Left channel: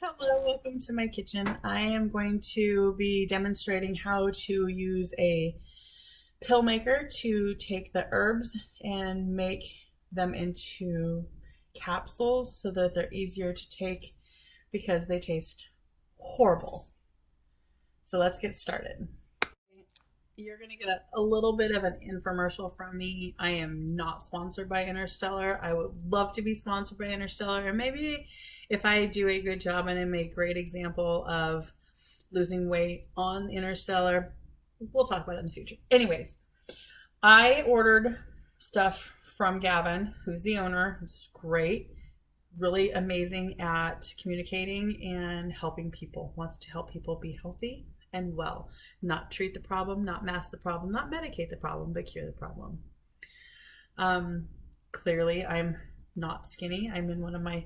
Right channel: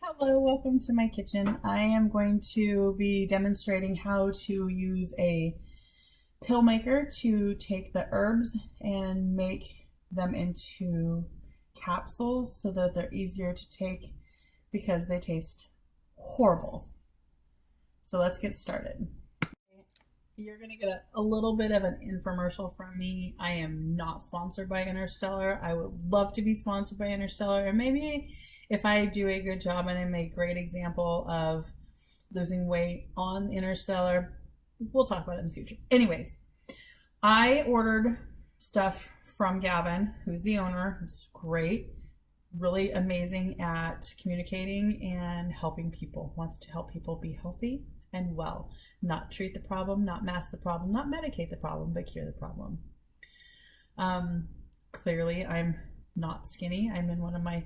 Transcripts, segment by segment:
Hello, welcome to my kitchen. I am going to be demonstrating how to use a pill maker to take the herbs and make them into capsules so that they're easier to take because they taste horrible. So let's get started. You're going to get a little bit of an infomercial from me. I am not sponsored by Interstellar. I would love to be sponsored by Interstellar. And maybe if I do a good job and I'm a great example of losing weight on Interstellar, we'll talk about it in the future. Anyways, I ordered stuff from Gavin, who's the owner, who's great, really amazing at communicating and helping people, wants to help people be healthy and well, not treat the problem, not mask the problem, not medicate the problem, but cure the problem. Clearly, I'm not skinny. I'm in one of my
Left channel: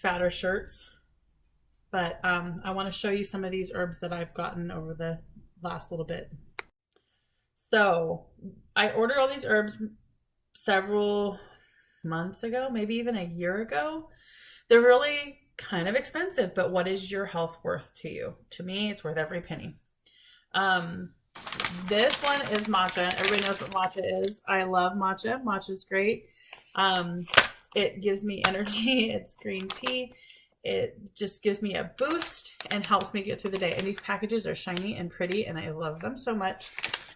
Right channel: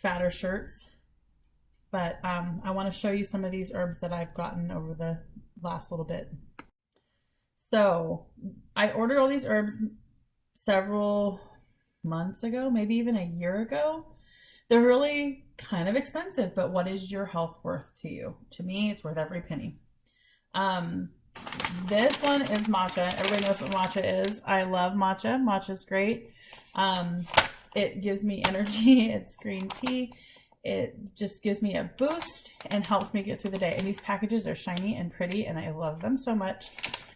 fatter shirts, but I want to show you some of these herbs that I've gotten over the last little bit. So I ordered all these herbs several months ago, maybe even a year ago. They're really kind of expensive, but what is your health worth to you? To me, it's worth every penny. This one is matcha. Everybody knows what matcha is. I love matcha. Matcha's great. It gives me energy. It's green tea. It just gives me a boost and helps me get through the day. And these packages are shiny and pretty, and I love them so much.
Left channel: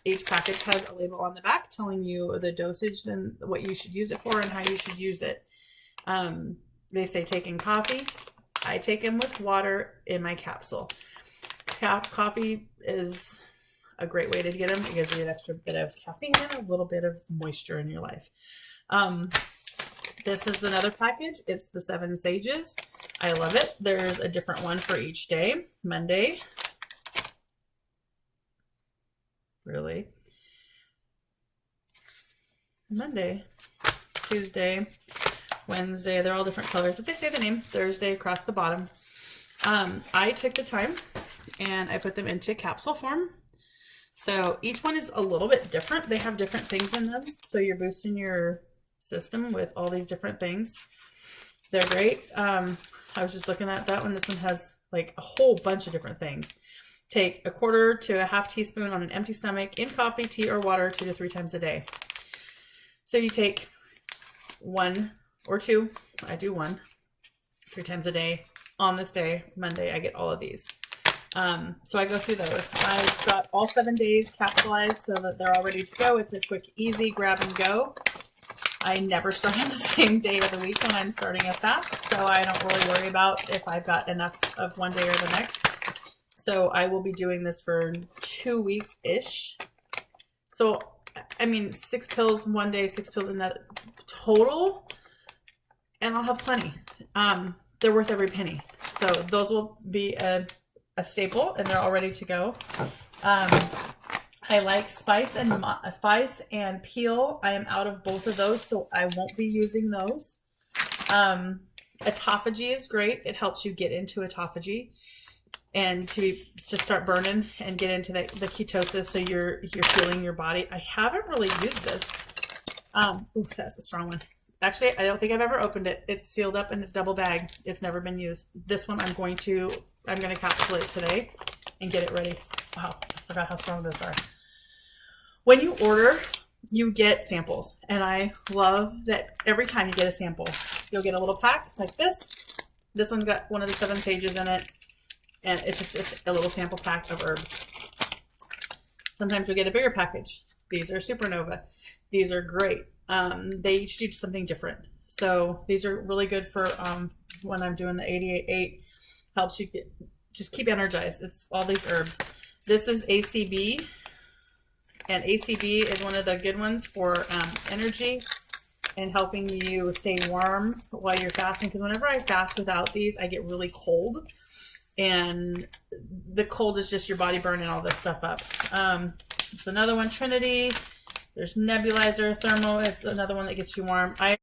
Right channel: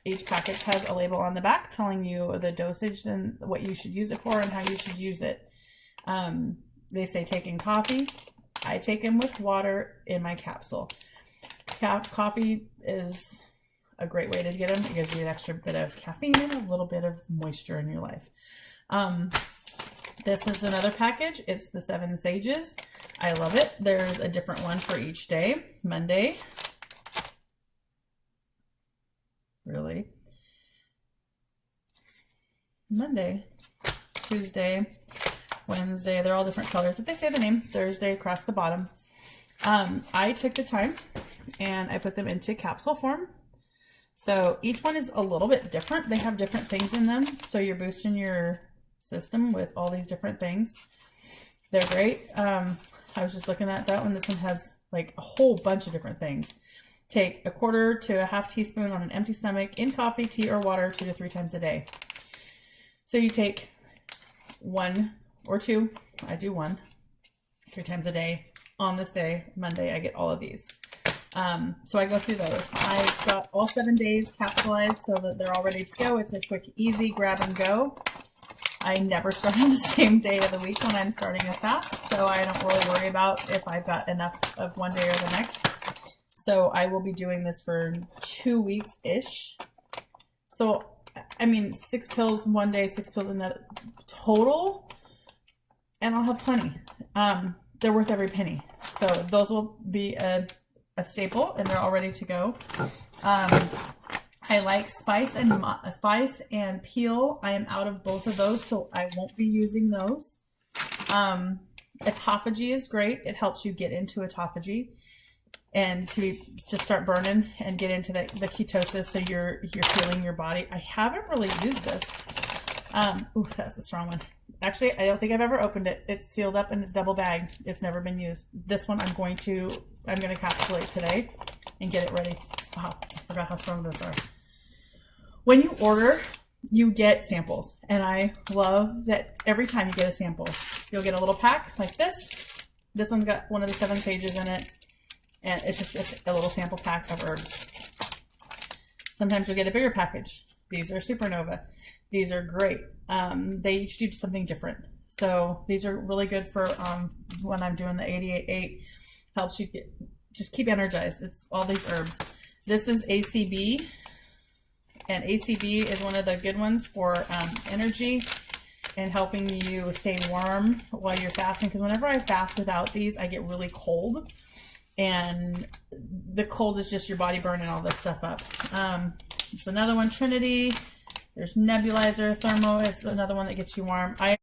Each package has a label on the back telling you the dosage and what you should use it for and how you should use it. They say take in coffee. I take them with water in my capsule. Coffee is a great way to get them. It gives you an extra bit of caffeine and a little bit of moisture in your life. This is another package. It's the 7 Sages. I love it. There's a different one for each day. Monday. Really? Monday. Tuesday. Wednesday. They're all different colors, but they say the name. Thursday across the bottom. I took the time and I put them into capsule form. So each one is a little bit different. They have different things in them. So you're boosting your system with all these different things. They're great. I was just looking at that one. This one has like a whole bunch of different things. Take a quarter to a half teaspoon on an empty stomach in coffee, tea, or water 2 to 3 times a day. So you take 1 or 2. I do 1, 3 times a day. On this day, Monday, I get all of these. So I go through those. I've got all 7 days capsulized so that they're all ready to go. It's a quick, easy grab and go. I never start on the same day of the week when I'm starting a fast, so I don't really worry about if I've got enough of one day or the next. So I will be doing this for 2 weeks-ish. So, I mean, 6 pills one day, 6 pills another total, and I'll have plenty. They're worth every penny. So those will be a staple, and they're all ready to go. I like spice and peel. I am out of both of those, so I won't be using those. Autophagy is great. It helps you get into autophagy and to start burning and get into the ketosis, so you're healing your body. I haven't really used this. Ooh, that's a strong one. Actually, I don't think I've ever opened it. It's sealed up and it's double bagged. It's never been used. This one I'm going to encapsulate today and get it ready. Wow, I forgot how strong those are. When you order, you get samples, and I love that every time you get a sample, you'll get a little pack like this. This one's got one of the 7 Sages in it, and it's just a little sample pack of herbs. Sometimes you'll get a bigger package. These are Supernova. These are great. They each do something different. So these are really good for when I'm doing the 88-8. Helps you just keep energized. It's all these herbs. This is ACB. And ACB is one of the good ones for energy and helping you stay warm while you're fasting. Because whenever I fast without these, I get really cold. And the cold is just your body burning all this stuff up. It's another one, Trinity. There's Nebulizer. Thermo is another one that gets you warm. I've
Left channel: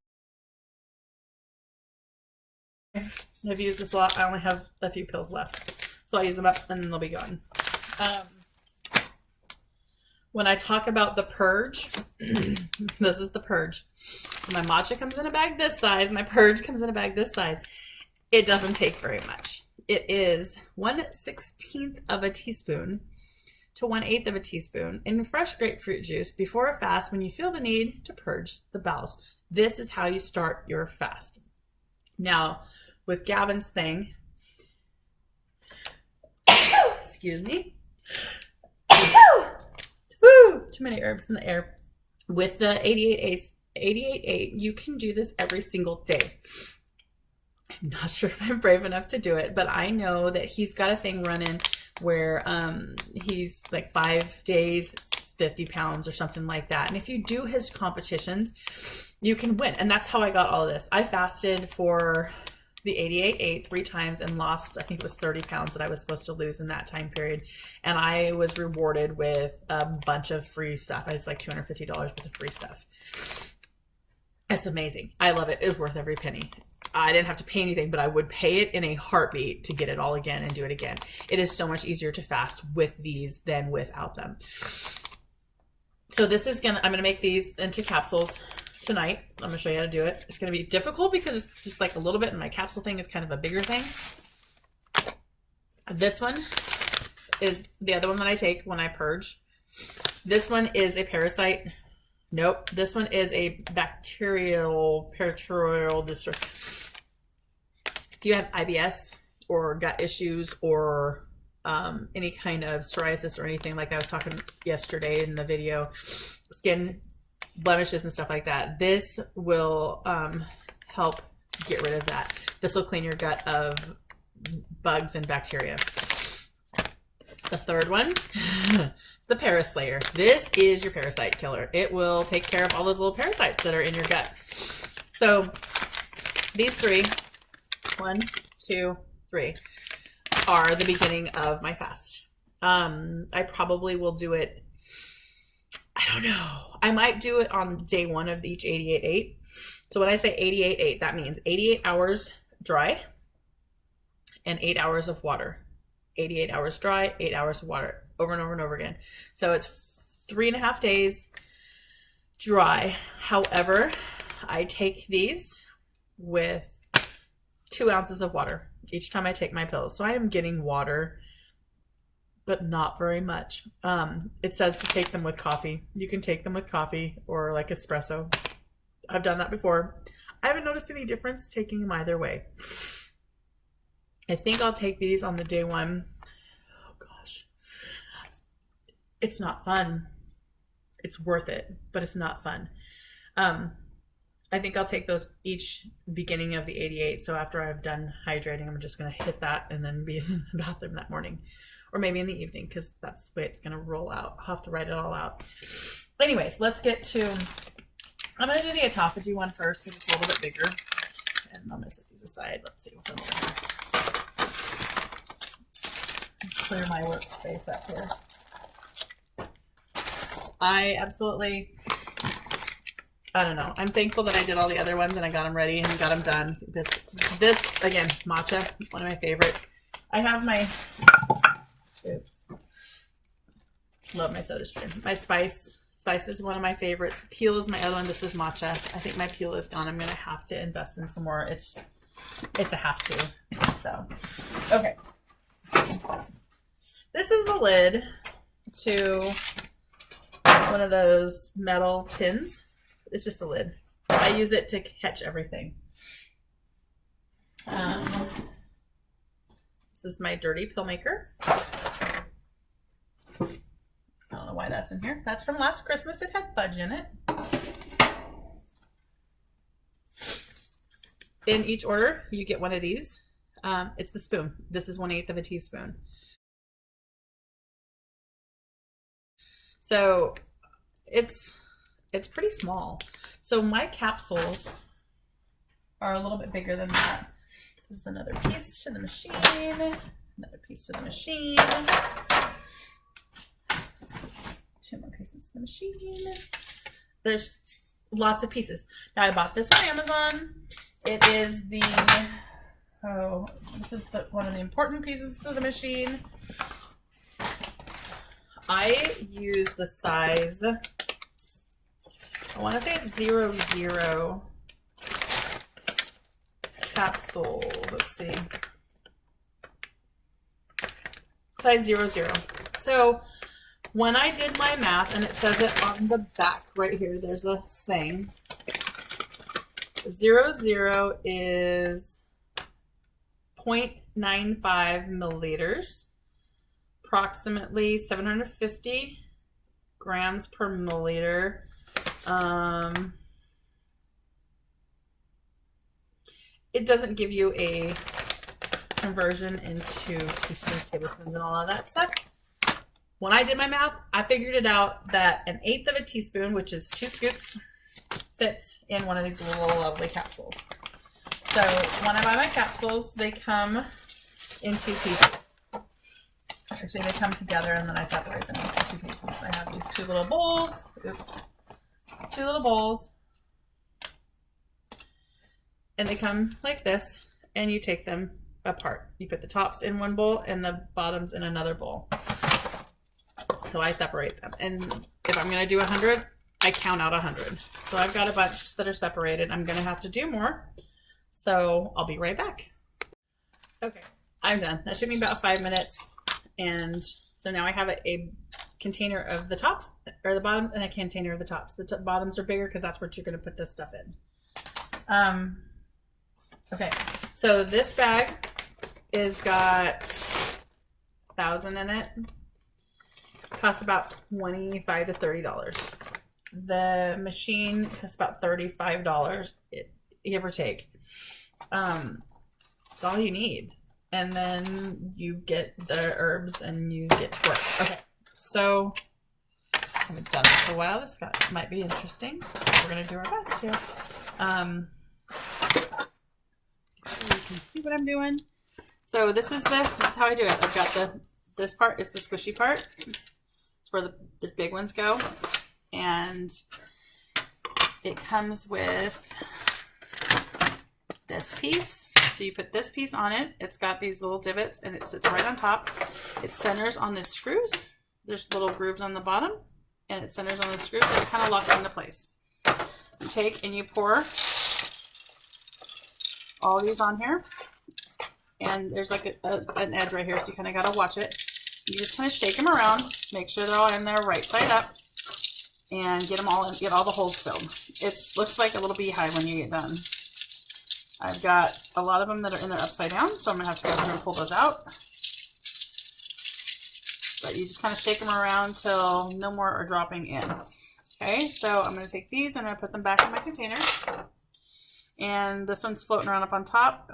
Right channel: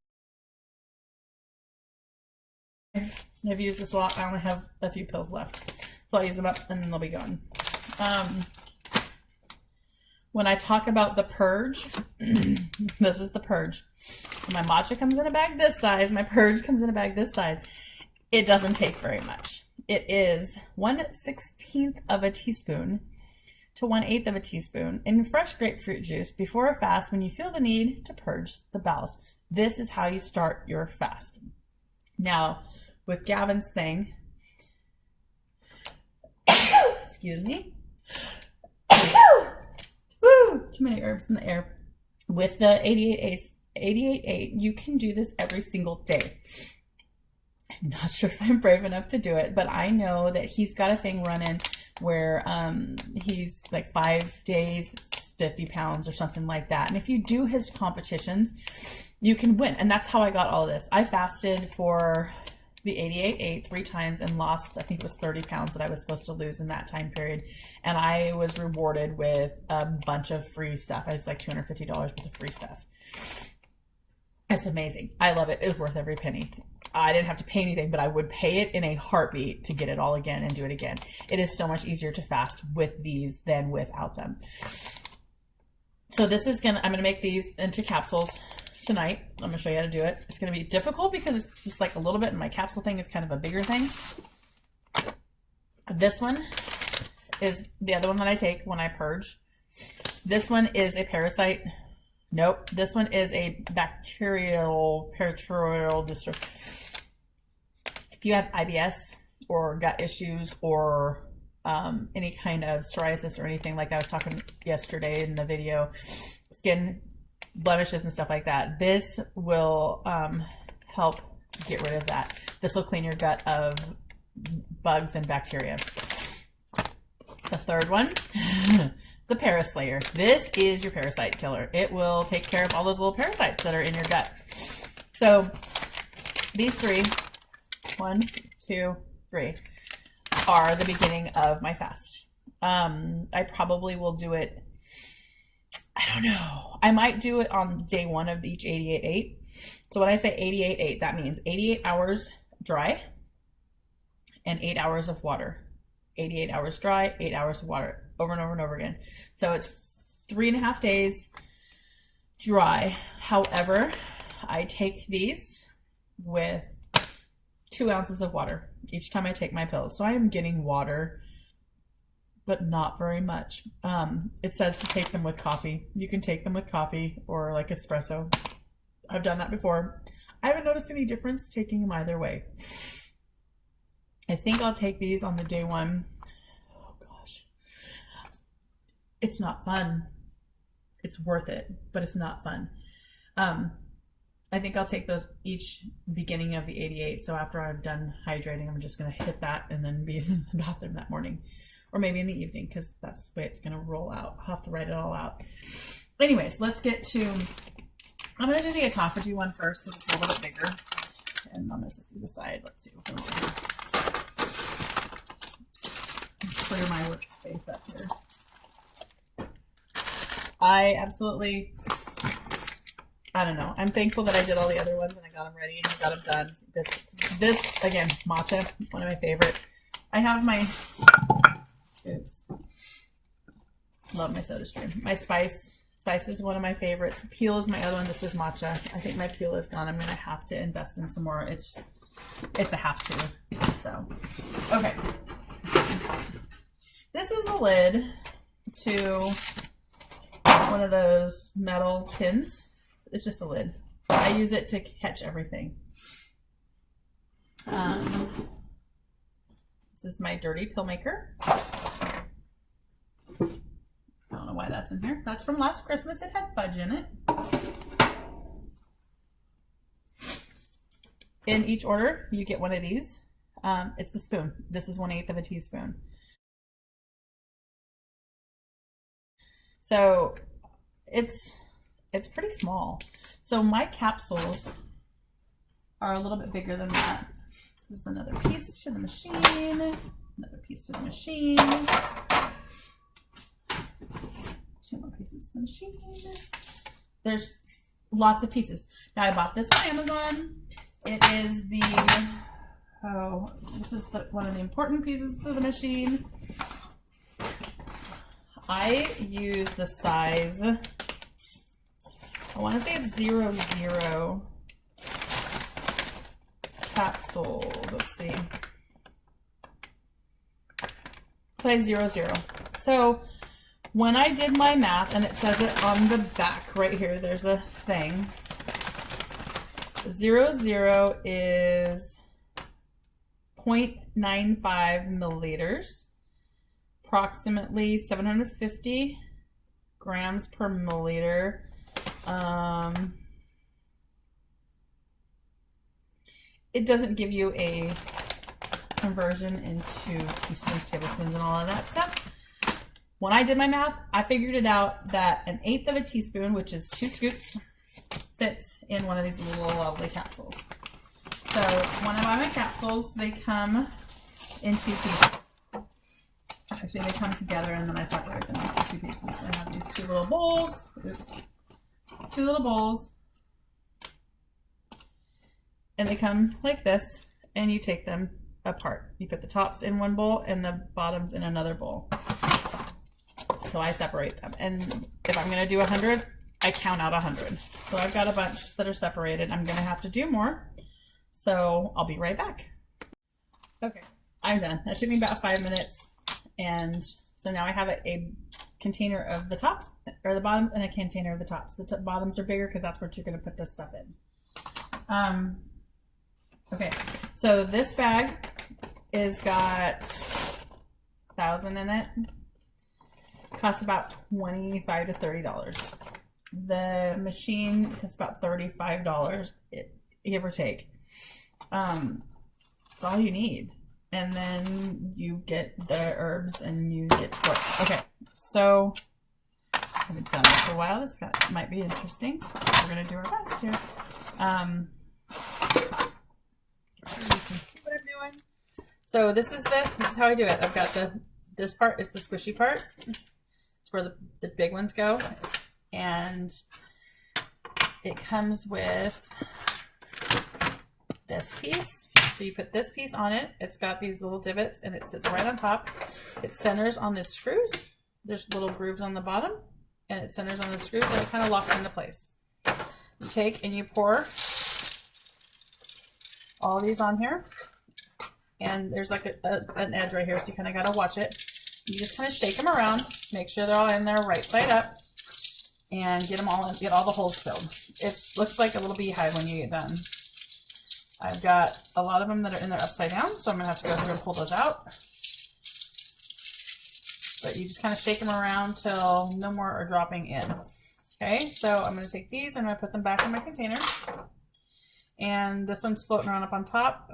used this a lot. I only have a few pills left. So I'll use them up and then they'll be gone. When I talk about the purge, this is the purge. So my matcha comes in a bag this size. My purge comes in a bag this size. It doesn't take very much. It is 1/16 of a teaspoon to 1/8 of a teaspoon in fresh grapefruit juice before a fast when you feel the need to purge the bowels. This is how you start your fast. Now, with Gavin's thing, excuse me, woo, too many herbs in the air. With the 88/8, you can do this every single day. I'm not sure if I'm brave enough to do it, but I know that he's got a thing running where he's like 5 days, 50 pounds or something like that. And if you do his competitions, you can win. And that's how I got all of this. I fasted for the 88/8 3 times and lost, I think it was 30 pounds that I was supposed to lose in that time period. And I was rewarded with a bunch of free stuff. It's like $250 worth of free stuff. It's amazing. I love it. It was worth every penny. I didn't have to pay anything, but I would pay it in a heartbeat to get it all again and do it again. It is so much easier to fast with these than without them. So this is I'm gonna make these into capsules tonight. I'm gonna show you how to do it. It's gonna be difficult because it's just like a little bit, and my capsule thing is kind of a bigger thing. This one is the other one that I take when I purge. This one is a parasite. Nope. This one is a bacterial disorder. If you have IBS or gut issues or any kind of psoriasis or anything, like I was talking yesterday in the video, skin blemishes and stuff like that, this will help get rid of that. This will clean your gut of bugs and bacteria. The third one, the Paraslayer. This is your parasite killer. It will take care of all those little parasites that are in your gut. So these 3, 1, 2, 3, are the beginning of my fast. I probably will do it, I don't know. I might do it on day 1 of each 88/8. So when I say 88/8, that means 88 hours dry and 8 hours of water. 88 hours dry, 8 hours of water, over and over and over again. So it's 3.5 days dry. However, I take these with 2 ounces of water each time I take my pills. So I am getting water, but not very much. It says to take them with coffee. You can take them with coffee or like espresso. I've done that before. I haven't noticed any difference taking them either way. I think I'll take these on the day 1. Oh gosh. It's not fun. It's worth it, but it's not fun. I think I'll take those each beginning of the 88. So after I've done hydrating, I'm just going to hit that and then be in the bathroom that morning. Or maybe in the evening, because that's the way it's going to roll out. I'll have to write it all out. Anyways, let's get to... I'm going to do the autophagy one first because it's a little bit bigger. And I'm going to set these aside. Let's see what's over here. Clear my workspace up here. I don't know. I'm thankful that I did all the other ones and I got them ready and got them done. This again, matcha, one of my favorite. I have my... Oops. Love my SodaStream. My spice is one of my favorites. Peel is my other one. This is matcha. I think my peel is gone. I'm gonna have to invest in some more. It's a have to. So, okay. This is the lid to one of those metal tins. It's just a lid. I use it to catch everything. This is my dirty pill maker. I don't know why that's in here. That's from last Christmas. It had fudge in it. In each order, you get one of these. It's the spoon. This is 1/8 of a teaspoon. So it's pretty small. So my capsules are a little bit bigger than that. This is another piece to the machine. Another piece to the machine. 2 more pieces to the machine. There's lots of pieces. Now I bought this on Amazon. It is the, this is one of the important pieces to the machine. I use the size, I want to say it's 00. capsules. Let's see. Size 00. So when I did my math, and it says it on the back right here, there's a thing. 00 is 0.95 milliliters, approximately 750 grams per milliliter. It doesn't give you a conversion into teaspoons, tablespoons, and all of that stuff. When I did my math, I figured it out that 1/8 of a teaspoon, which is 2 scoops, fits in one of these little lovely capsules. So when I buy my capsules, they come in 2 pieces. Actually, they come together and then I separate them into 2 pieces. I have these 2 little bowls. Oops. 2 little bowls. And they come like this, and you take them apart. You put the tops in one bowl and the bottoms in another bowl. So I separate them. And if I'm going to do 100, I count out 100. So I've got a bunch that are separated. I'm going to have to do more. So I'll be right back. Okay, I'm done. That took me about 5 minutes. And so now I have a container of the tops, or the bottoms, and a container of the tops. The bottoms are bigger because that's what you're going to put this stuff in. Okay, so this bag is got 1,000 in it. Costs about $25 to $30. The machine costs about $35, give or take. It's all you need. And then you get the herbs and you get to work. Okay, so I haven't done this for a while. This might be interesting. We're gonna do our best here. You can see what I'm doing. So this is how I do it. I've got this part is the squishy part. It's where the big ones go, and it comes with this piece. So you put this piece on it. It's got these little divots, and it sits right on top. It centers on the screws. There's little grooves on the bottom, and it centers on the screws, so it kind of locks into place. You take and you pour all these on here, and there's like an edge right here, so you kind of got to watch it. You just kind of shake them around, make sure they're all in there right side up, and get them all in, get all the holes filled. It looks like a little beehive when you get done. I've got a lot of them that are in there upside down, so I'm gonna have to go ahead and pull those out. But you just kind of shake them around till no more are dropping in. Okay, so I'm gonna take these and I'm gonna put them back in my container. And this one's floating around up on top.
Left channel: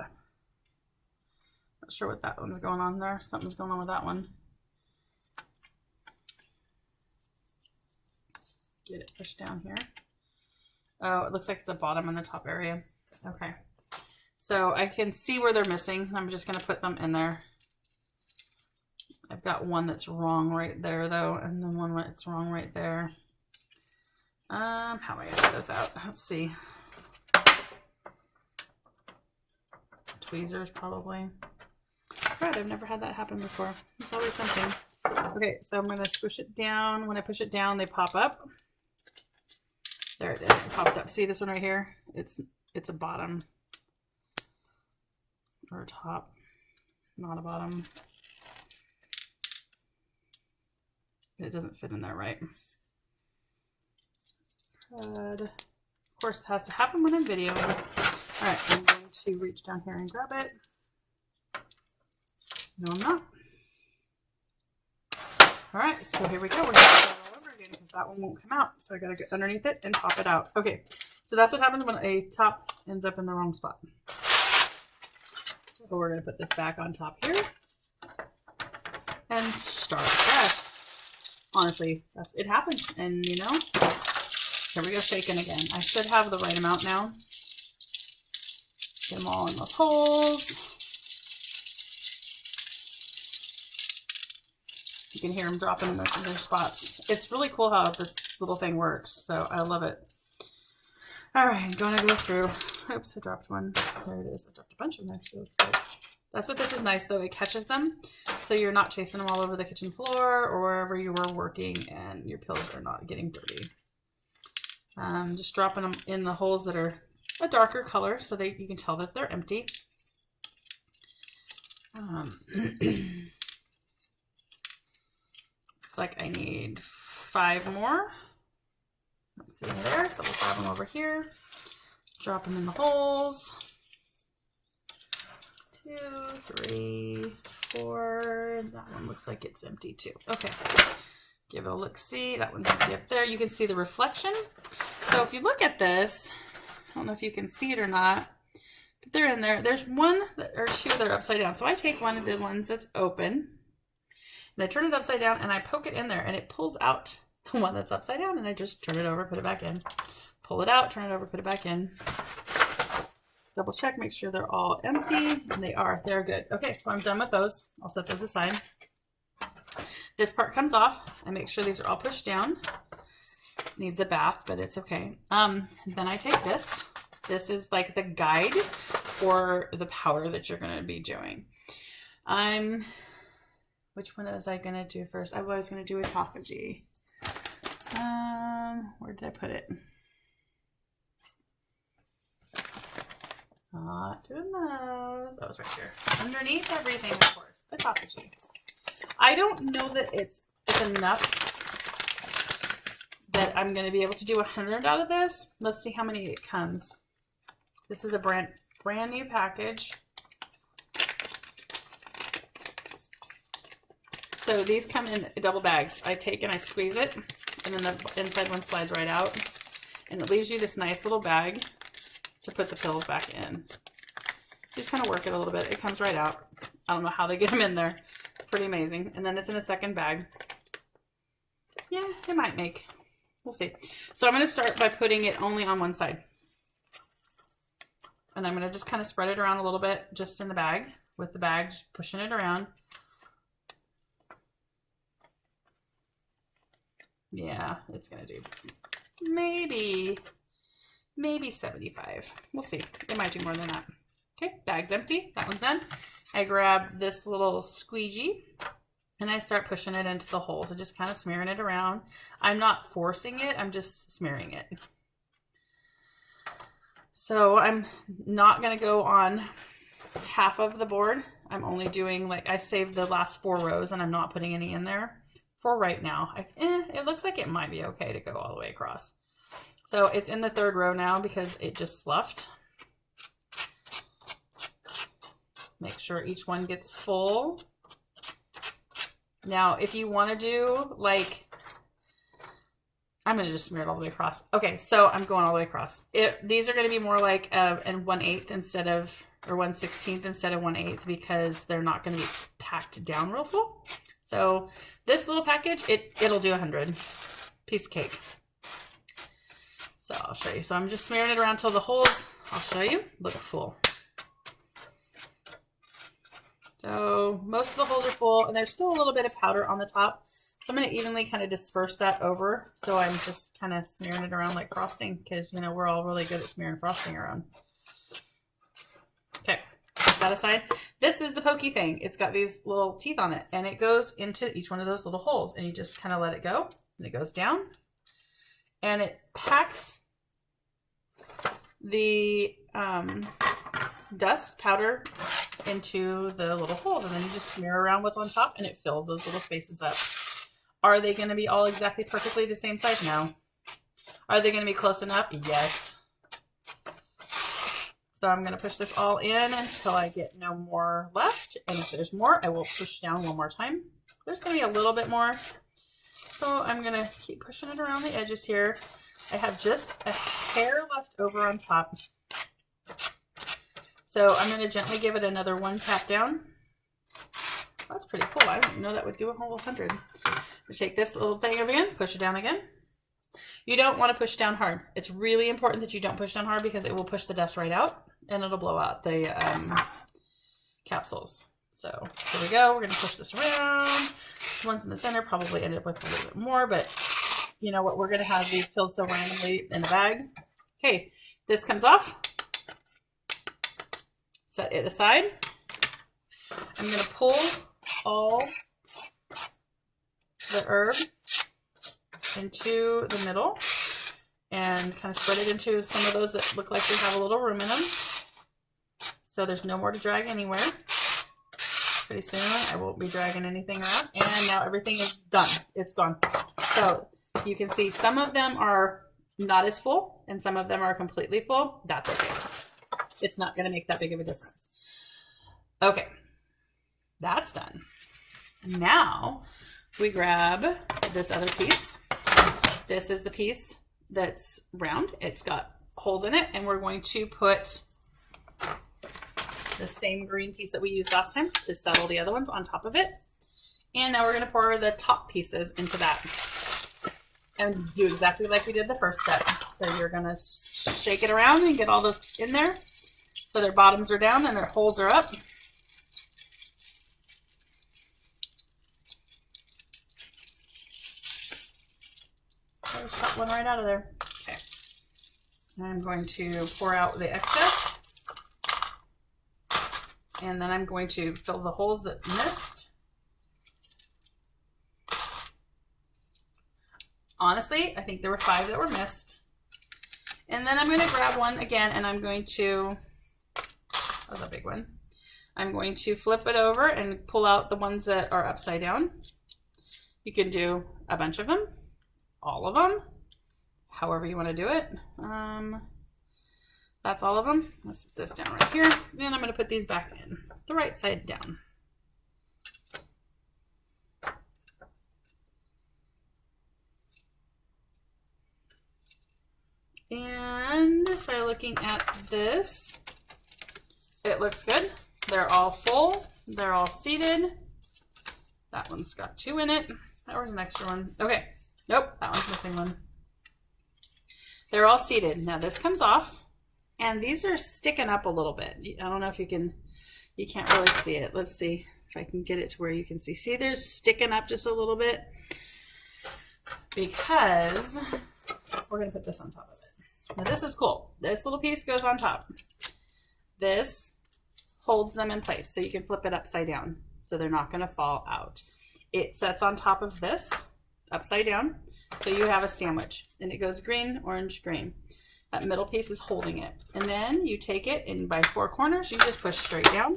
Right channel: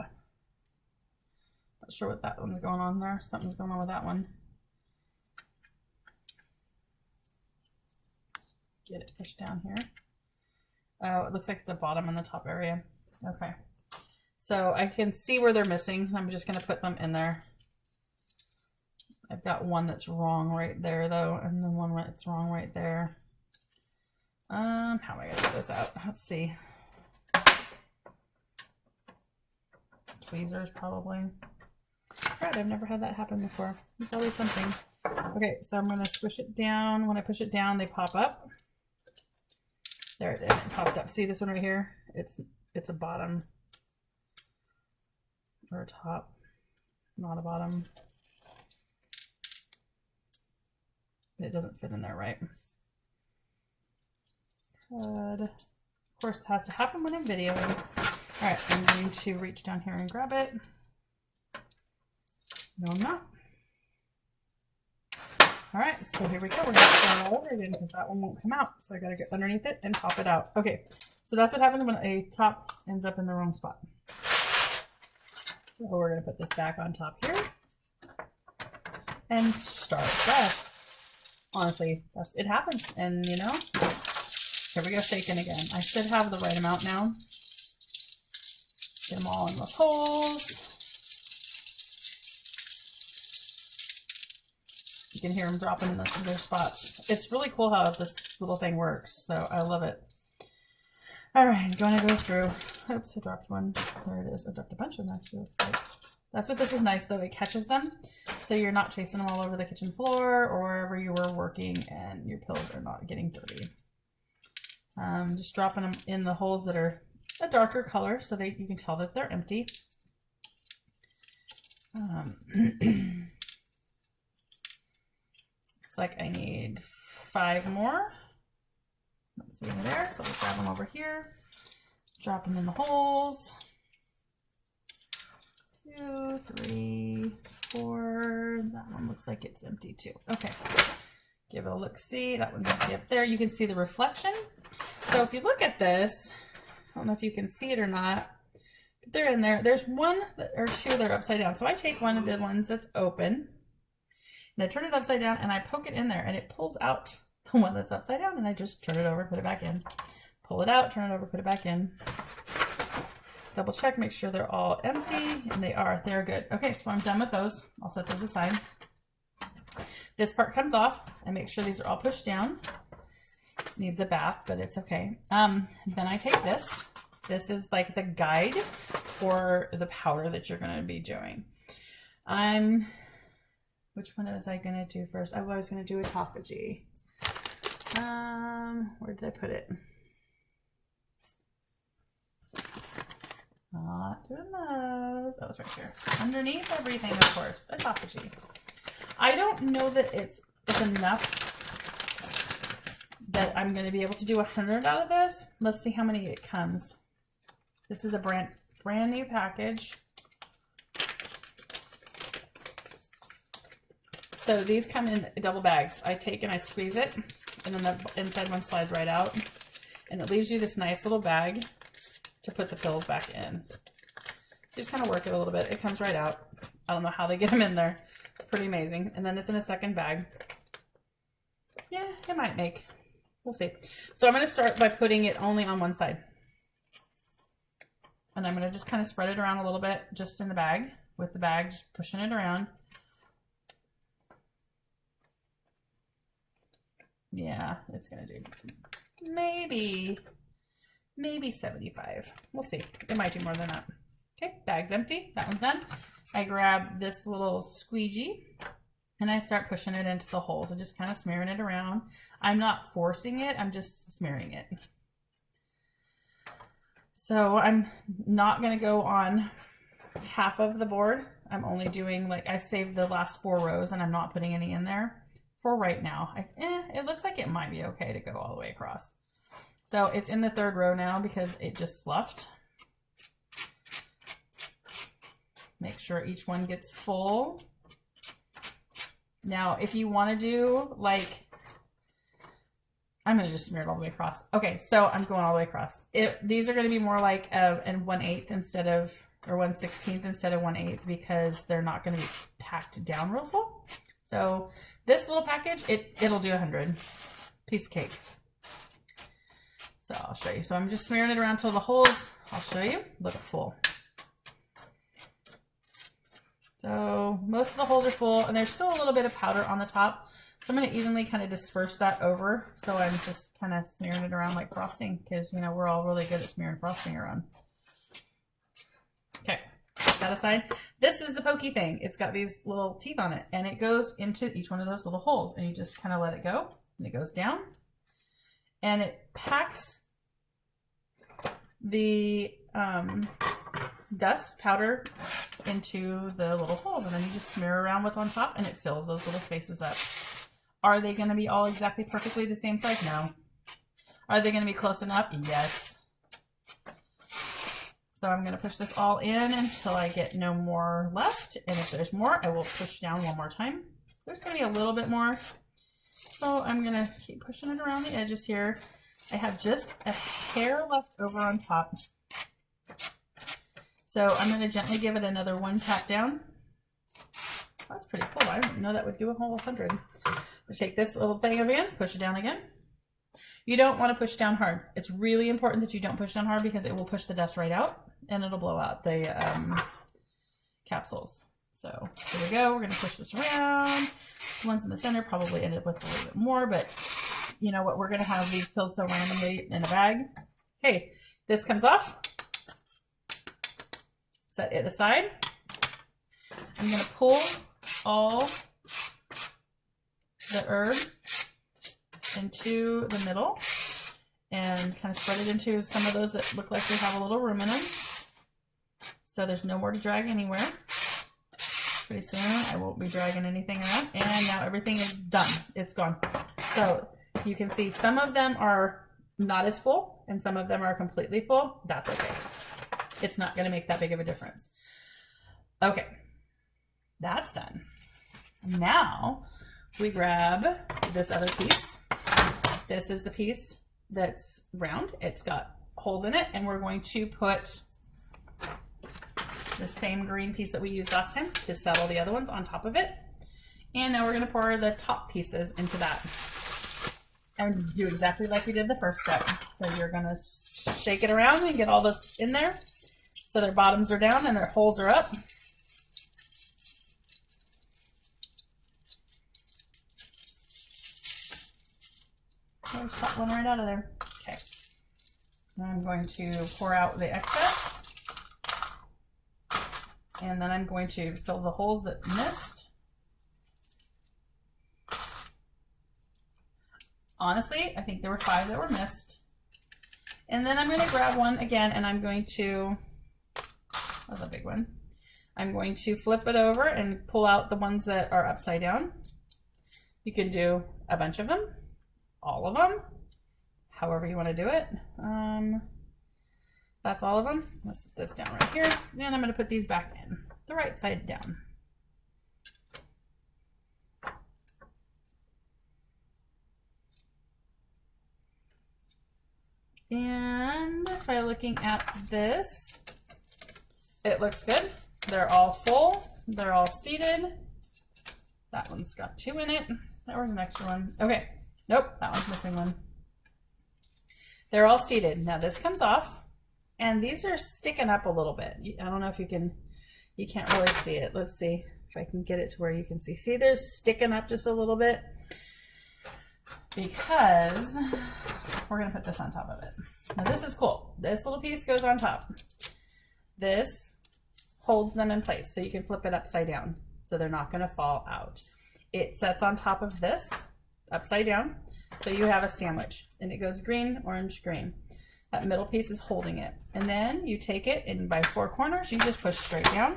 Not sure what that one's going on there. Something's going on with that one. Get it pushed down here. Oh, it looks like it's the bottom and the top area. Okay. So I can see where they're missing. I'm just going to put them in there. I've got one that's wrong right there though, and then one that's wrong right there. How am I going to get this out? Let's see. Tweezers probably. Right, I've never had that happen before. There's always something. Okay, so I'm going to squish it down. When I push it down, they pop up. There it is. It popped up. See this one right here? It's a bottom or a top, not a bottom. It doesn't fit in there right. But of course, it has to happen when I'm videoing. All right, I'm going to reach down here and grab it. No, I'm not. All right, so here we go. We're going to start all over again because that one won't come out. So I got to get underneath it and pop it out. Okay, so that's what happens when a top ends up in the wrong spot. So we're going to put this back on top here and start fresh. Honestly, it happens. And you know, here we go, shaking again. I should have the right amount now. Get them all in those holes. You can hear them dropping in their spots. It's really cool how this little thing works, so I love it. All right, I'm going to go through. Oops, I dropped one. There it is. I dropped a bunch of them, actually. Looks like. That's what this is nice, though. It catches them, so you're not chasing them all over the kitchen floor or wherever you were working, and your pills are not getting dirty. Just dropping them in the holes that are a darker color so that you can tell that they're empty. Looks like I need 5 more. Let's see there. So we'll grab them over here. Drop them in the holes. 2, 3, 4. That one looks like it's empty too. Okay. Give it a look-see. That one's empty up there. You can see the reflection. So if you look at this, I don't know if you can see it or not, but they're in there. There's 1 or 2 that are upside down. So I take one of the ones that's open and I turn it upside down and I poke it in there and it pulls out the one that's upside down, and I just turn it over, put it back in. Pull it out, turn it over, put it back in. Double check, make sure they're all empty, and they are. They're good. Okay, so I'm done with those. I'll set those aside. This part comes off. I make sure these are all pushed down. Needs a bath, but it's okay. Then I take this. This is like the guide for the powder that you're going to be doing. Which one was I going to do first? I was going to do autophagy. Where did I put it? Not doing those. That was right here. Underneath everything, of course. Autophagy. I don't know that it's enough that I'm going to be able to do 100 out of this. Let's see how many it comes. This is a brand new package. So these come in double bags. I take and I squeeze it, and then the inside one slides right out, and it leaves you this nice little bag to put the pills back in. Just kind of work it a little bit. It comes right out. I don't know how they get them in there. It's pretty amazing. And then it's in a second bag. Yeah, it might make. We'll see. So I'm going to start by putting it only on one side. And I'm going to just kind of spread it around a little bit just in the bag, with the bag, just pushing it around. Yeah, it's going to do maybe 75. We'll see. It might do more than that. Okay, bag's empty. That one's done. I grab this little squeegee and I start pushing it into the hole. So just kind of smearing it around. I'm not forcing it. I'm just smearing it. So I'm not going to go on half of the board. I'm only doing, like, I saved the last 4 rows and I'm not putting any in there for right now. It looks like it might be okay to go all the way across. So it's in the 3rd row now because it just sloughed. Make sure each one gets full. Now, if you want to do, like, I'm going to just smear it all the way across. Okay, so I'm going all the way across. These are going to be more like an 1/8 instead of, or 1/16 instead of 1/8, because they're not going to be packed down real full. So this little package, it'll do 100. Piece of cake. So I'll show you. So I'm just smearing it around till the holes, I'll show you, look full. So most of the holes are full, and there's still a little bit of powder on the top. So I'm going to evenly kind of disperse that over. So I'm just kind of smearing it around like frosting, because, you know, we're all really good at smearing frosting around. Okay, that aside. This is the pokey thing. It's got these little teeth on it, and it goes into each one of those little holes, and you just kind of let it go, and it goes down, and it packs the dust powder into the little holes, and then you just smear around what's on top, and it fills those little spaces up. Are they going to be all exactly perfectly the same size? No. Are they going to be close enough? Yes. So I'm going to push this all in until I get no more left. And if there's more, I will push down one more time. There's going to be a little bit more. So I'm going to keep pushing it around the edges here. I have just a hair left over on top. So I'm going to gently give it another 1 tap down. That's pretty cool. I didn't know that would do a whole 100. We take this little thing over again, push it down again. You don't want to push down hard. It's really important that you don't push down hard, because it will push the dust right out and it'll blow out the capsules. So here we go. We're going to push this around. The ones in the center probably ended up with a little bit more, but you know what? We're going to have these pills so randomly in the bag. Okay, this comes off. Set it aside. I'm going to pull all the herb into the middle, and kind of spread it into some of those that look like they have a little room in them. So there's no more to drag anywhere. Pretty soon I won't be dragging anything around, and now everything is done. It's gone. So you can see some of them are not as full and some of them are completely full. That's okay. It's not going to make that big of a difference. Okay, that's done. Now we grab this other piece. This is the piece that's round. It's got holes in it, and we're going to put the same green piece that we used last time to settle the other ones on top of it. And now we're going to pour the top pieces into that and do exactly like we did the first step. So you're going to shake it around and get all those in there so their bottoms are down and their holes are up. I shot one right out of there. Okay. Now I'm going to pour out the excess. And then I'm going to fill the holes that missed. Honestly, I think there were 5 that were missed. And then I'm going to grab one again, and I'm going to, that's a big one. I'm going to flip it over and pull out the ones that are upside down. You can do a bunch of them, all of them, however you want to do it. That's all of them. Let's set this down right here. Then I'm going to put these back in, the right side down. And if I'm looking at this, it looks good. They're all full. They're all seated. That one's got 2 in it. That was an extra one. Okay. Nope, that one's missing one. They're all seated. Now this comes off. And these are sticking up a little bit. I don't know if you can't really see it. Let's see if I can get it to where you can see. See, they're sticking up just a little bit because we're going to put this on top of it. Now this is cool. This little piece goes on top. This holds them in place so you can flip it upside down so they're not going to fall out. It sets on top of this upside down so you have a sandwich, and it goes green, orange, green. That middle piece is holding it. And then you take it, and by 4 corners, you just push straight down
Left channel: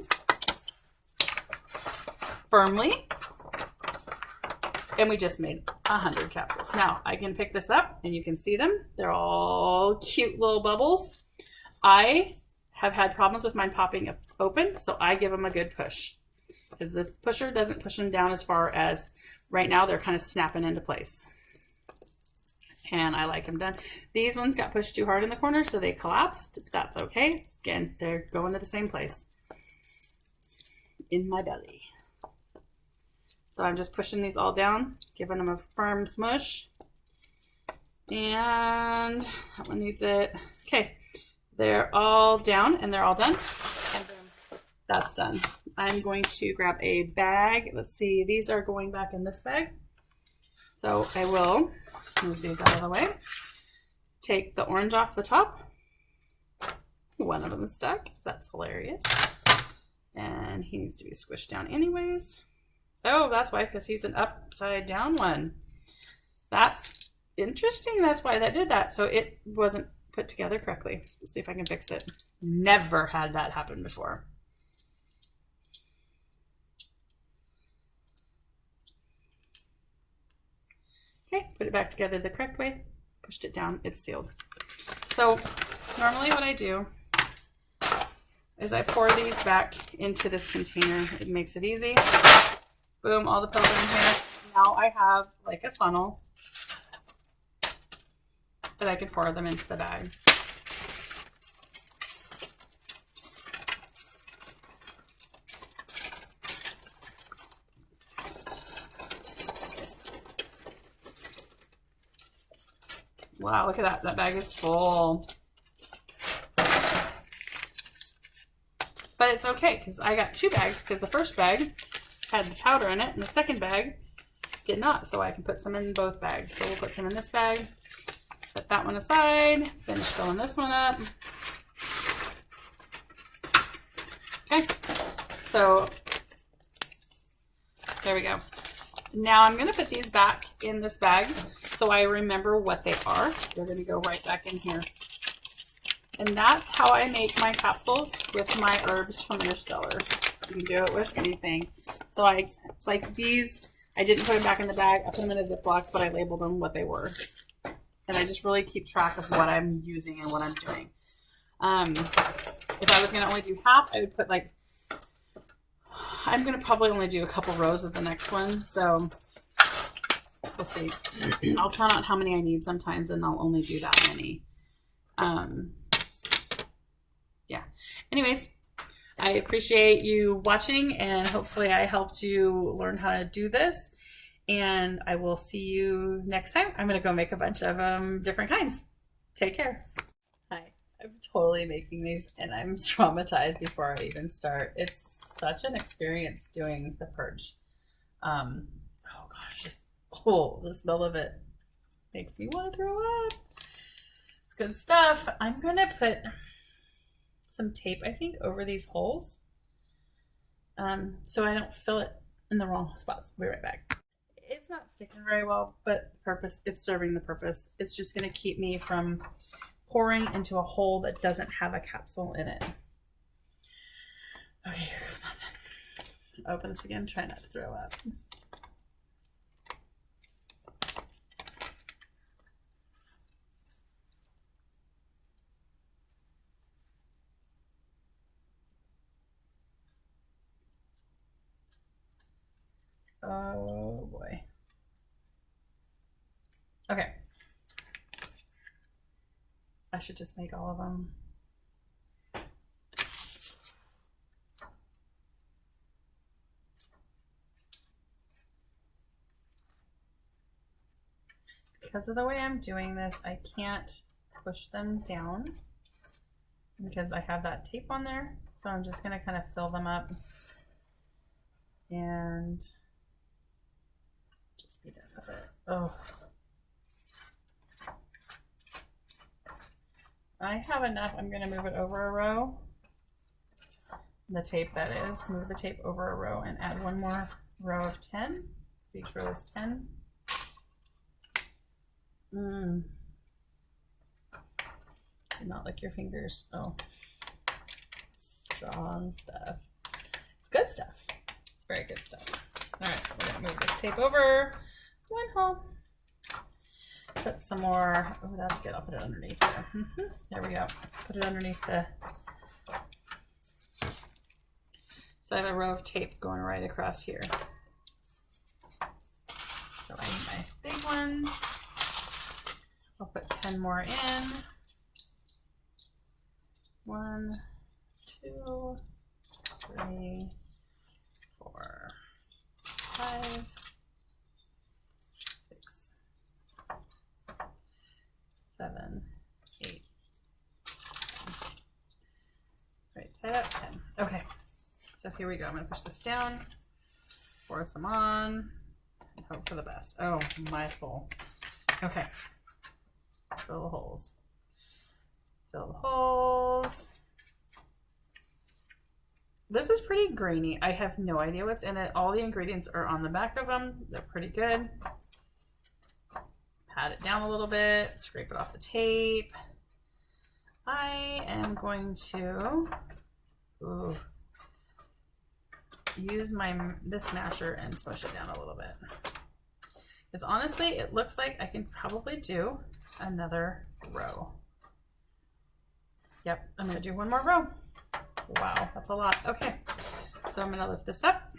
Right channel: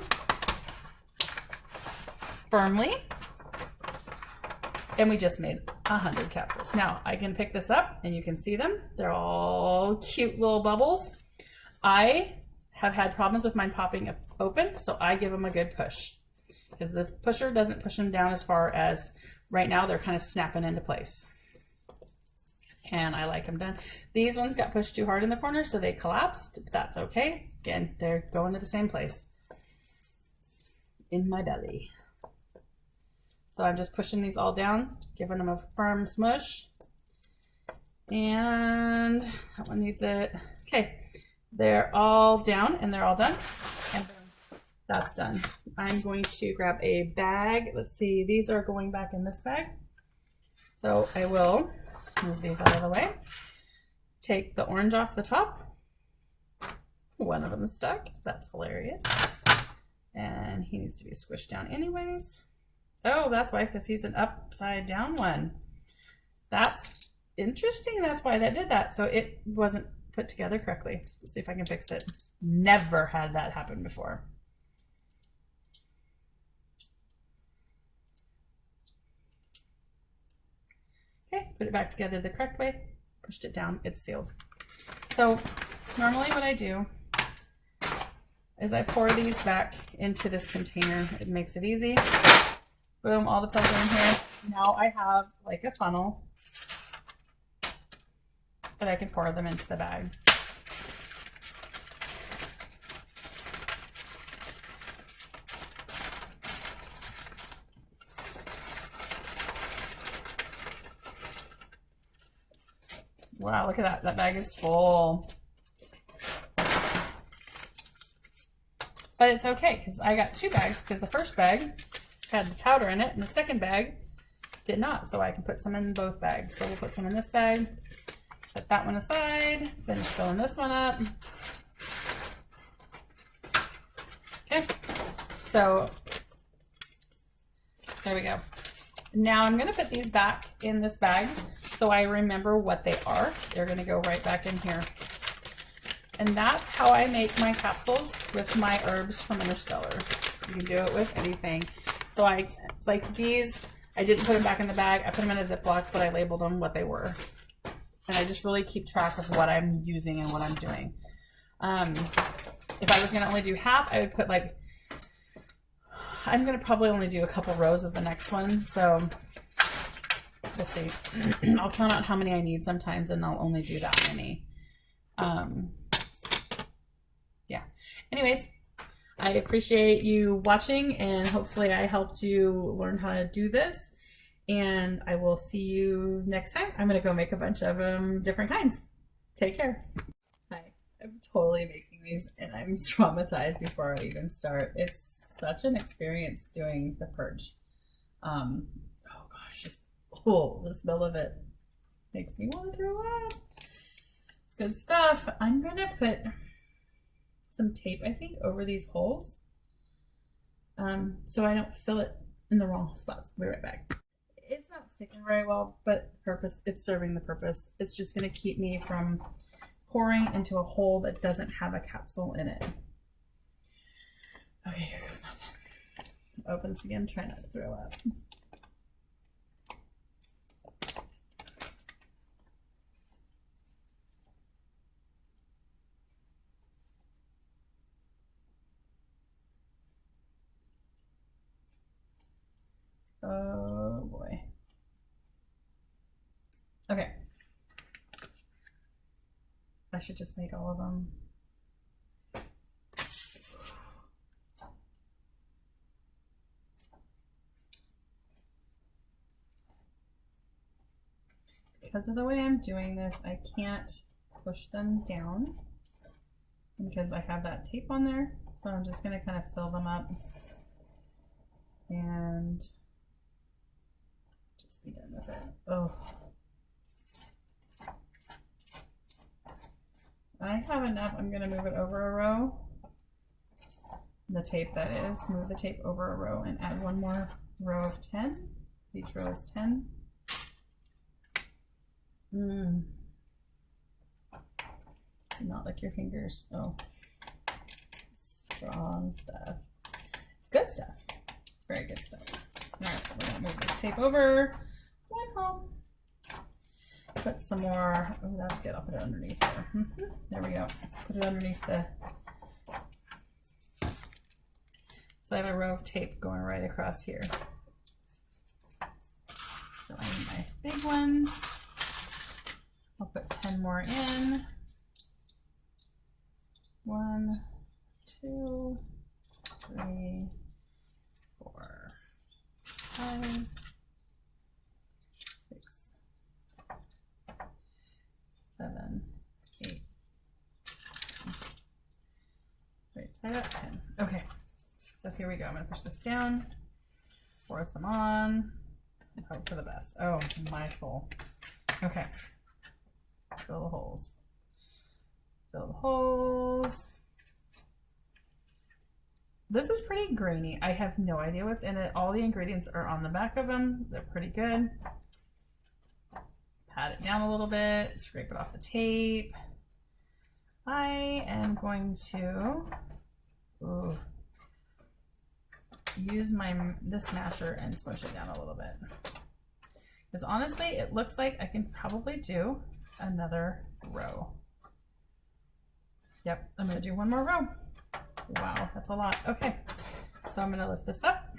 firmly. And we just made 100 capsules. Now I can pick this up and you can see them. They're all cute little bubbles. I have had problems with mine popping open, so I give them a good push because the pusher doesn't push them down as far as right now. They're kind of snapping into place. And I like them done. These ones got pushed too hard in the corner, so they collapsed. That's okay. Again, they're going to the same place in my belly. So I'm just pushing these all down, giving them a firm smush. And that one needs it. Okay, they're all down and they're all done. And then that's done. I'm going to grab a bag. Let's see, these are going back in this bag. So I will move these out of the way. Take the orange off the top. One of them is stuck. That's hilarious. And he needs to be squished down anyways. Oh, that's why, because he's an upside down one. That's interesting. That's why that did that. So it wasn't put together correctly. Let's see if I can fix it. Never had that happen before. Okay, put it back together the correct way. Pushed it down, it's sealed. So normally what I do is I pour these back into this container. It makes it easy. Boom, all the pills are in here. Now I have like a funnel that I can pour them into the bag. Wow, look at that. That bag is full. But it's okay because I got 2 bags because the first bag had the powder in it and the second bag did not. So I can put some in both bags. So we'll put some in this bag, set that one aside, finish filling this one up. Okay, so there we go. Now I'm going to put these back in this bag so I remember what they are. They're going to go right back in here. And that's how I make my capsules with my herbs from Interstellar. You can do it with anything. So I, like these, I didn't put them back in the bag. I put them in a Ziploc, but I labeled them what they were. And I just really keep track of what I'm using and what I'm doing. If I was going to only do half, I would put like, I'm going to probably only do a couple rows of the next one. So we'll see. I'll try out how many I need sometimes, and I'll only do that many. Yeah. Anyways, I appreciate you watching, and hopefully I helped you learn how to do this. And I will see you next time. I'm going to go make a bunch of different kinds. Take care. Hi. I'm totally making these, and I'm traumatized before I even start. It's such an experience doing the purge. Oh gosh, just the smell of it makes me want to throw up. It's good stuff. I'm going to put some tape, I think, over these holes so I don't fill it in the wrong spots. I'll be right back. It's not sticking very well, but it's serving the purpose. It's just going to keep me from pouring into a hole that doesn't have a capsule in it. Okay, here goes nothing. Open this again, try not to throw up. Oh boy. Okay. I should just make all of them. Because of the way I'm doing this, I can't push them down because I have that tape on there. So I'm just going to kind of fill them up and just be done with it. Oh. I have enough. I'm going to move it over a row. The tape, that is. Move the tape over a row and add one more row of 10. Each row is 10. Do not lick your fingers. Oh. Strong stuff. It's good stuff. It's very good stuff. All right, we're going to move this tape over one hole. Put some more. Oh, that's good. I'll put it underneath there. There we go. Put it underneath the. So I have a row of tape going right across here. So I need my big ones. I'll put 10 more in. 1, 2, 3, 4, 5, 6, 7, 8. Right side up, 10. Okay, so here we go. I'm going to push this down, pour some on, and hope for the best. Oh, my soul. Okay. Fill the holes. Fill the holes. This is pretty grainy. I have no idea what's in it. All the ingredients are on the back of them. They're pretty good. Pat it down a little bit. Scrape it off the tape. I am going to use this masher and smush it down a little bit. Because honestly, it looks like I can probably do another row. Yep, I'm going to do one more row. Wow, that's a lot. Okay, so I'm going to lift this up.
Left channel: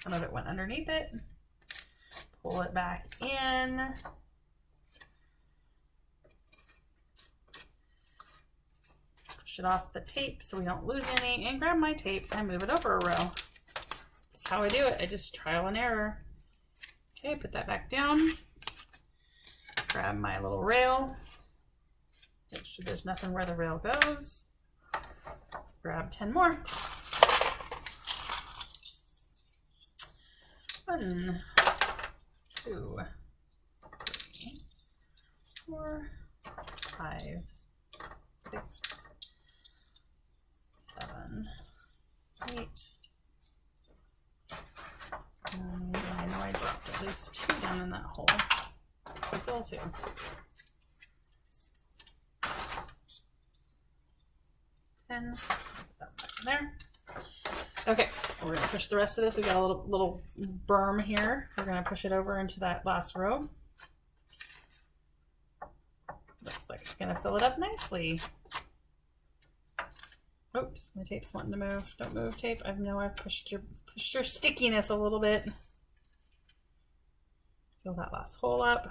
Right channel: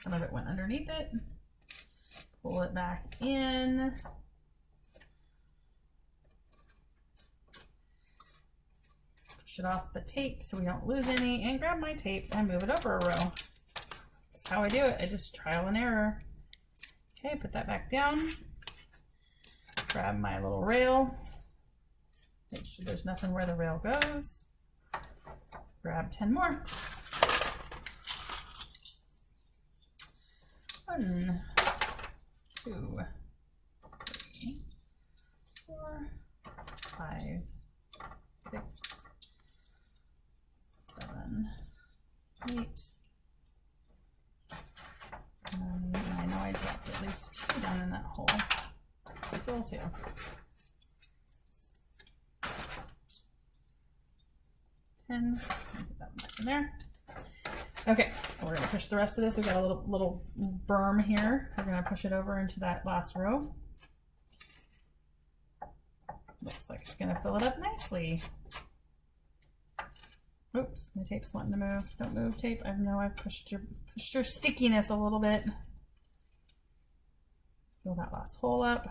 Some of it went underneath it. Pull it back in. Push it off the tape so we don't lose any, and grab my tape and move it over a row. That's how I do it. I just trial and error. Okay, put that back down. Grab my little rail. Make sure there's nothing where the rail goes. Grab 10 more. 1, 2, 3, 4, 5, 6, 7, 8, 9. I know I dropped at least 2 down in that hole. Still 2. 10. Put that one back in there. Okay, we're gonna push the rest of this. We got a little berm here. We're gonna push it over into that last row. Looks like it's gonna fill it up nicely. Oops, my tape's wanting to move. Don't move, tape. I know I pushed your stickiness a little bit. Fill that last hole up.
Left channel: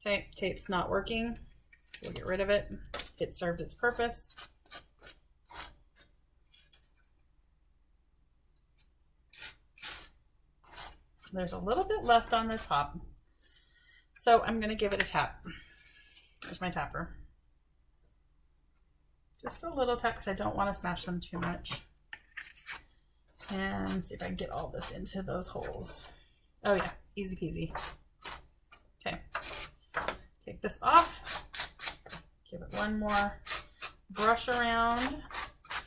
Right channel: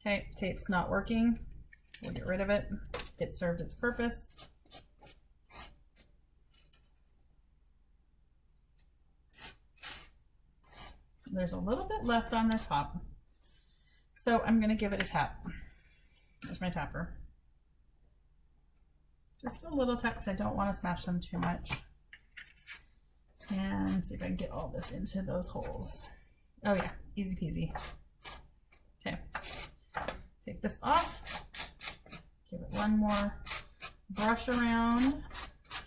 Okay, tape's not working. We'll get rid of it. It served its purpose. There's a little bit left on the top, so I'm gonna give it a tap. There's my tapper. Just a little tap because I don't want to smash them too much. And see if I can get all this into those holes. Oh yeah, easy peasy. Okay, take this off. Give it one more brush around.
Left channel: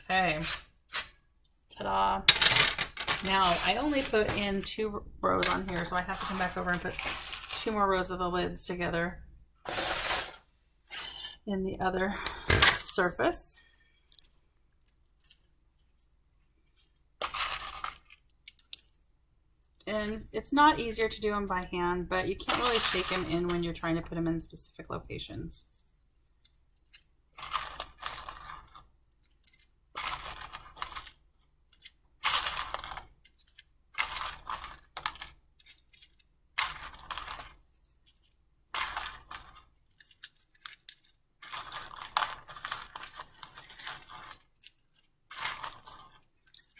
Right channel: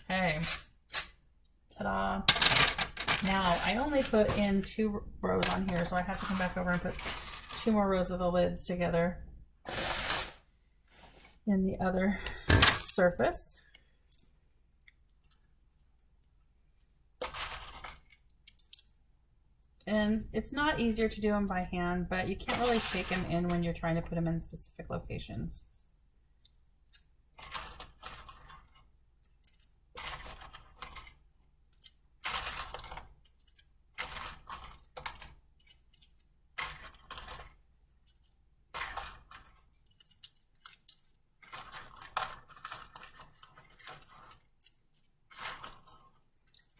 Okay, ta-da. Now I only put in 2 rows on here, so I have to come back over and put 2 more rows of the lids together in the other surface. And it's not easier to do them by hand, but you can't really shake them in when you're trying to put them in specific locations.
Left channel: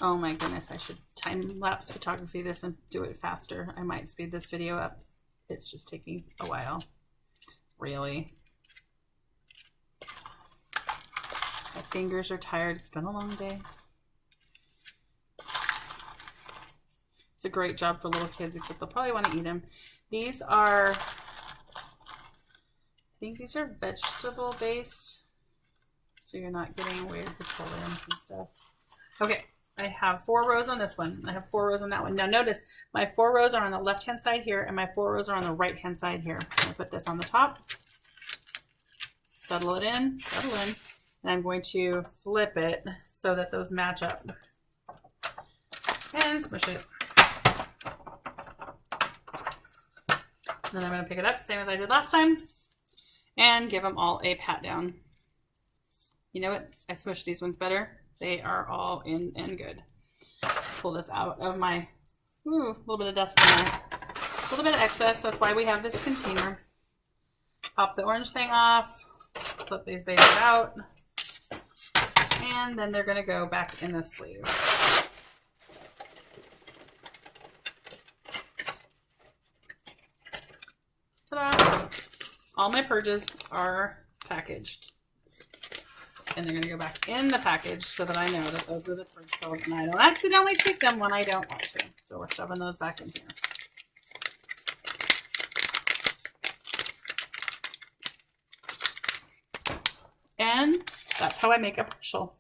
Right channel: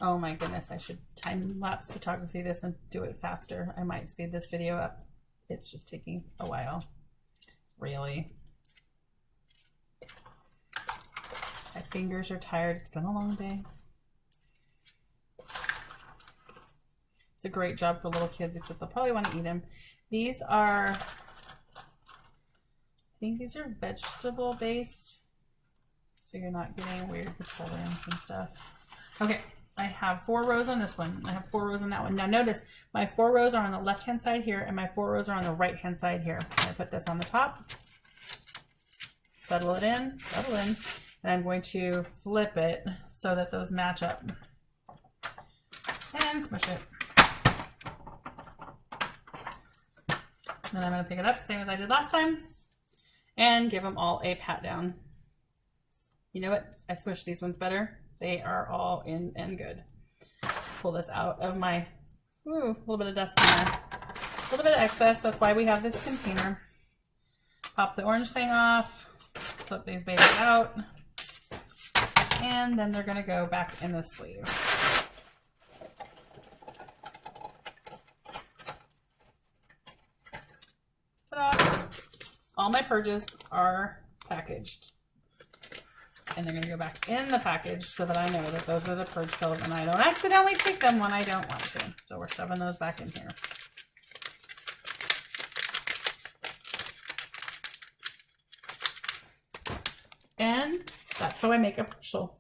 Oh my goodness, I should time-lapse photography this and do it faster. I might speed this video up. It's just taking a while. Really. My fingers are tired. It's been a long day. It's a great job for little kids, except they'll probably want to eat them. These are, I think these are vegetable based, so you're not getting weird petroleums and stuff. Okay. I have 4 rows on this one. I have 4 rows on that one. Now notice my 4 rows are on the left hand side here and my 4 rows are on the right hand side here. I'm going to put this on the top, settle it in, and I'm going to flip it so that those match up and smush it. Then I'm going to pick it up, same as I did last time, and give them all a pat down. You know what? I smushed these ones better. They are all in and good. Pull this out of my, little bit of dust in there. A little bit of excess, that's why we have this container. Pop the orange thing off, flip these babies out, and then they're gonna go back in the sleeve. Ta-da! All my purges are packaged. And they're going to go back in the package so that I know that those are the purge pills and I don't accidentally take them when I don't want to. So we're shoving those back in here. And that's how I make a partial.